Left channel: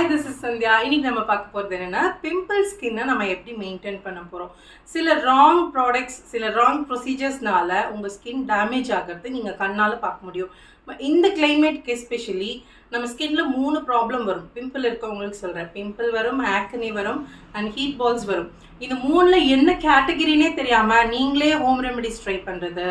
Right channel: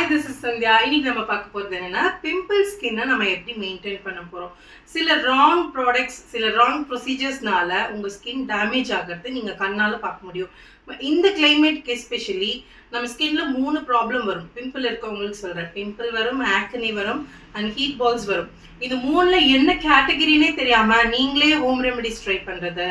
Hi this is Sandhya இன்னைக்கு நம்ம பார்க்க போகிறது என்னன்னா பிம்பிள் ஸ்கின்னை நம்ம எப்படி மெயின்டைன் பண்ண போகிறோம் சில ராங் ப்ராடக்ட்ஸ் சில ராங் ப்ரொசீஜர்ஸ்னால உங்கள் ஸ்கின் டேமேஜ் ஆகிறது நீங்கள் கண்ணால் பார்க்க முடியும். இந்த கிளைமேட்க்கு எஸ்பெஷலி நம்ம ஸ்கின்ல மூணு ப்ராப்ளம் வரும். பிம்பிள் இருக்கவங்களுக்கு சொல்கிறேன் பிம்பிள் வரும் ஆக்கனி வரும். அண்ட் ஹீட் பால்ஸ் வரும். இந்த மூணில் என்ன கேட்டகிரினே தெரியாமல் நீங்களே ஹோம் ரெமெடிஸ் ட்ரை பண்ணுறது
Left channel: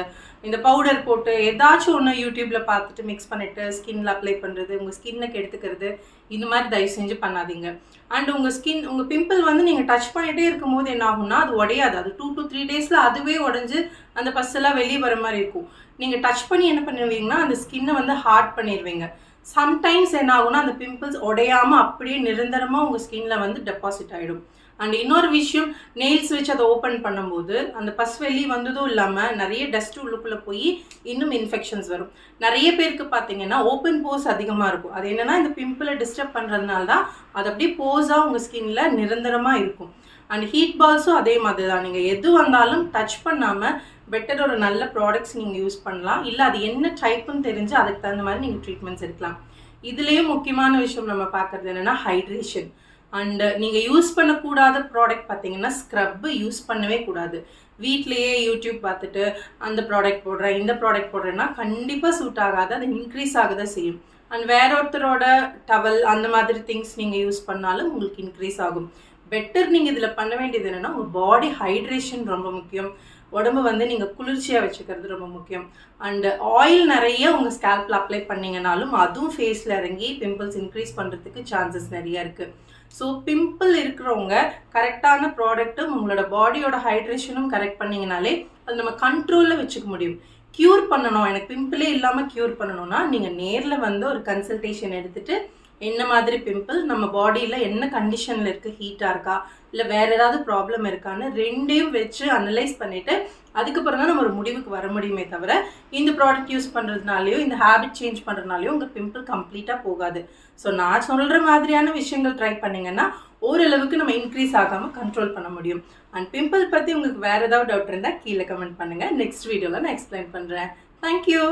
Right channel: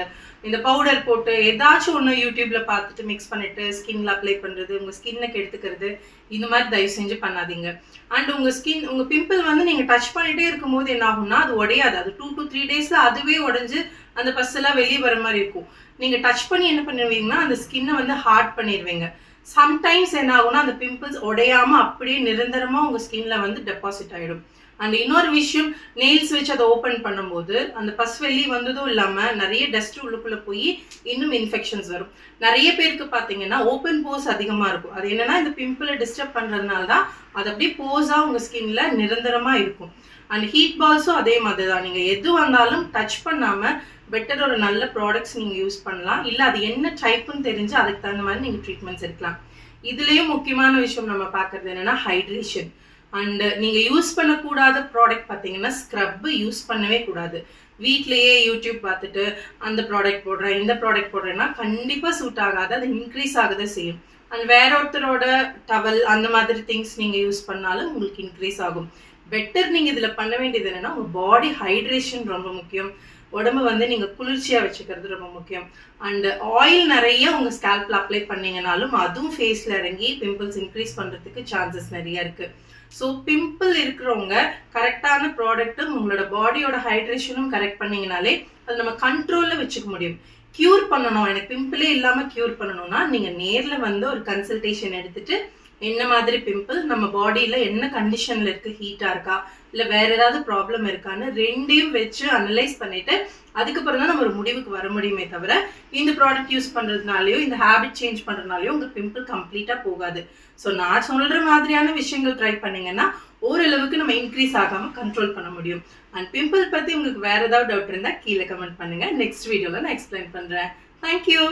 இந்த பவுடர் போட்டு ஏதாச்சும் ஒன்று யூடியூப்பில் பார்த்துட்டு மிக்ஸ் பண்ணிவிட்டு ஸ்கின்ல அப்ளை பண்ணுறது உங்கள் ஸ்கின்னை கெடுத்துக்கிறது இந்த மாதிரி தயவு செஞ்சு பண்ணாதீங்க. அண்ட் உங்கள் ஸ்கின் உங்கள் பிம்பிள் வந்து நீங்கள் டச் பண்ணிகிட்டே இருக்கும்போது என்ன ஆகும்னா அது உடையாது. அது டூ டு த்ரீ டேஸில் அதுவே உடஞ்சி அந்த பஸ்ஸெல்லாம் வெளியே வர மாதிரி இருக்கும். நீங்கள் டச் பண்ணி என்ன பண்ணுவீங்கன்னா அந்த ஸ்கின்னை வந்து ஹார்ட் பண்ணிடுவீங்க. சம்டைம்ஸ் என்ன ஆகும்னா அந்த பிம்பிள்ஸ் உடையாமல் அப்படியே நிரந்தரமாக உங்கள் ஸ்கின்ல வந்து டெபாசிட் ஆகிடும் அண்ட் இன்னொரு விஷயம் நெயில்ஸ் வச்சு அதை ஓப்பன் பண்ணும்போது அந்த பஸ் வெளி வந்ததும் இல்லாமல் நிறைய டஸ்ட் உள்ளுக்குள்ளே போய் இன்னும் இன்ஃபெக்ஷன்ஸ் வரும். நிறைய பேருக்கு பார்த்தீங்கன்னா ஓப்பன் போஸ் அதிகமாக இருக்கும். அது என்னென்னா இந்த பிம்பிளை டிஸ்டர்ப் பண்ணுறதுனால தான் அது அப்படியே போஸாக உங்கள் ஸ்கின்ல நிரந்தரமாக இருக்கும். அண்ட் ஹீட் பால்ஸும் அதே மாதிரி தான் நீங்கள் எது வந்தாலும் டச் பண்ணாமல் பெட்டர் ஒரு நல்ல ப்ராடக்ட்ஸ் நீங்கள் யூஸ் பண்ணலாம். இல்லை அது என்ன டைப்புன்னு தெரிஞ்சு அதுக்கு தகுந்த மாதிரி நீங்கள் ட்ரீட்மெண்ட்ஸ் எடுக்கலாம். இதுலேயும் முக்கியமான விஷயம் நம்ம பார்க்குறது என்னென்னா ஹைட்ரேஷன் அண்டு நீங்கள் யூஸ் பண்ணக்கூடாத ப்ராடக்ட் பார்த்தீங்கன்னா ஸ்க்ரப்பு யூஸ் பண்ணவே கூடாது. வீட்லேயே யூடியூப் பார்த்துட்டு அந்த ப்ராடக்ட் போடுறேன் இந்த ப்ராடக்ட் போடுறேன்னா கண்டிப்பாக சூட் ஆகாது அது இன்க்ரீஸ் ஆகதான் செய்யும். அண்ட் வேற ஒருத்தரோட டவல் அந்த மாதிரி திங்ஸ் நீங்கள் யூஸ் பண்ணாலும் உங்களுக்கு இன்க்ரீஸ் ஆகும். பெட்டர் நீங்கள் இதில் பண்ண வேண்டியது என்னென்னா உங்கள் பாடி ஹைட்ரேஷன் ரொம்ப முக்கியம். உடம்பு வந்து நீங்கள் குளிர்ச்சியாக வச்சுக்கிறது ரொம்ப முக்கியம். அண்ட் ஆயில் நிறைய உங்கள் ஸ்கேல்பில் அப்ளை பண்ணிங்கனாலும் அதுவும் ஃபேஸில் இறங்கி பிம்பிள்ஸ் இன்க்ரீஸ் பண்ணுறதுக்கு சான்சஸ் நிறைய இருக்குது ஸோ பிம்பிள் இருக்கிறவங்க கரெக்டான ப்ராடக்ட்டும் உங்களோட பாடியோட ஹைட்ரேஷனும் கரெக்ட் பண்ணிங்கனாலே அது நம்ம கண்ட்ரோலில் வச்சுக்க முடியும். க்யூர் பண்ணணும். எனக்கு பிம்பிளே இல்லாமல் க்யூர் பண்ணணும்னா நீங்கள் நேரில் வந்து ஒரு கன்சல்டேஷன் எடுத்துட்டு என்ன மாதிரி பிம்பிள் நம்ம பாடியில் என்ன கண்டிஷனில் இருக்குது ஹீட்டாக இருக்கா இல்லை வேறு ஏதாவது ப்ராப்ளம் இருக்கான்னு ரெண்டையும் வச்சு அனலைஸ் பண்ணிவிட்டு அதுக்கப்புறம் தான் நம்ம ஒரு முடிவுக்கு வர முடியுமே தவிர இந்த ப்ராடக்ட் யூஸ் பண்ணுறதுனாலையோ இந்த ஹேபிட் சேஞ்ச் பண்ணுறதுனாலையோ உங்கள் பிம்பிள் கம்ப்ளீட்டாக போகாது. ஸோ நான் சொல்கிற மாதிரியான விஷயங்கள் ட்ரை பண்ணிங்கன்னா ஓரளவுக்கு நம்ம இன்க்ரீஸ் ஆகாமல் கண்ட்ரோல் பண்ண முடியும். அண்ட் பிம்பிள் பற்றி உங்களுக்கு வேறு ஏதாவது டவுட் இருந்தால் கீழே கமெண்ட் பண்ணுங்கள் நெக்ஸ்ட் வீடியோவில் நான் எக்ஸ்பிளைன் பண்ணுறேன் தேங்க்யூ